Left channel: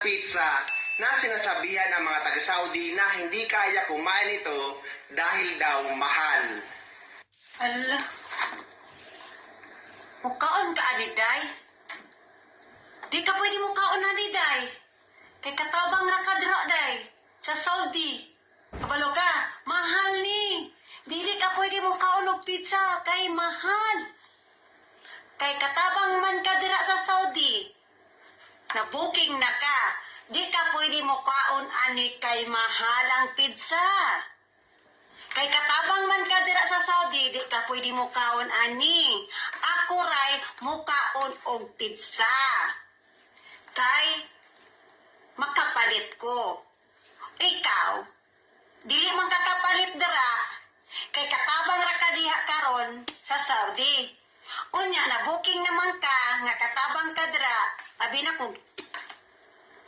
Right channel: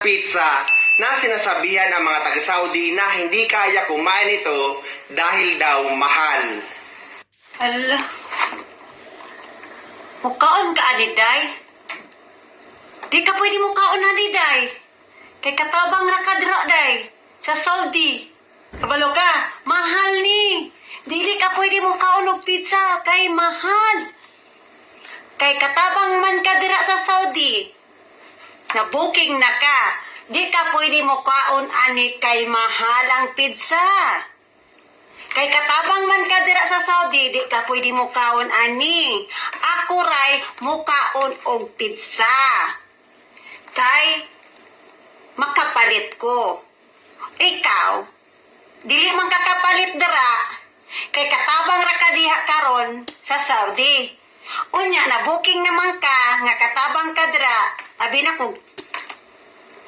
pizza na sinasabihan ng mga taga-Saudi na hindi kaya kumain ito dahil daw mahal. Ala. Mukaon ka, Aniday? Di ka pwede mukaon, Aniday. Kay katabang rakadra, day. Sa Saudi. Kabalo ka, mahal ni. Dili ka pwede mukaon og pizza, kay mahal. Kay katabang man ka dira sa Saudi. Na booking na ka. Di ka pwede mukaon, ani, kay mahal ang pizza. Kay katabang man ka dira sa Saudi, di ka pwede mukaon, ani. Ako ray mukaon og pizza. Kay makapalit ko. Ikaw, dili man kakapalit dira. Kay katabang ra ka diha karon sa Saudi. Unya na booking naman ka nga katabang ka dira. Abi na kung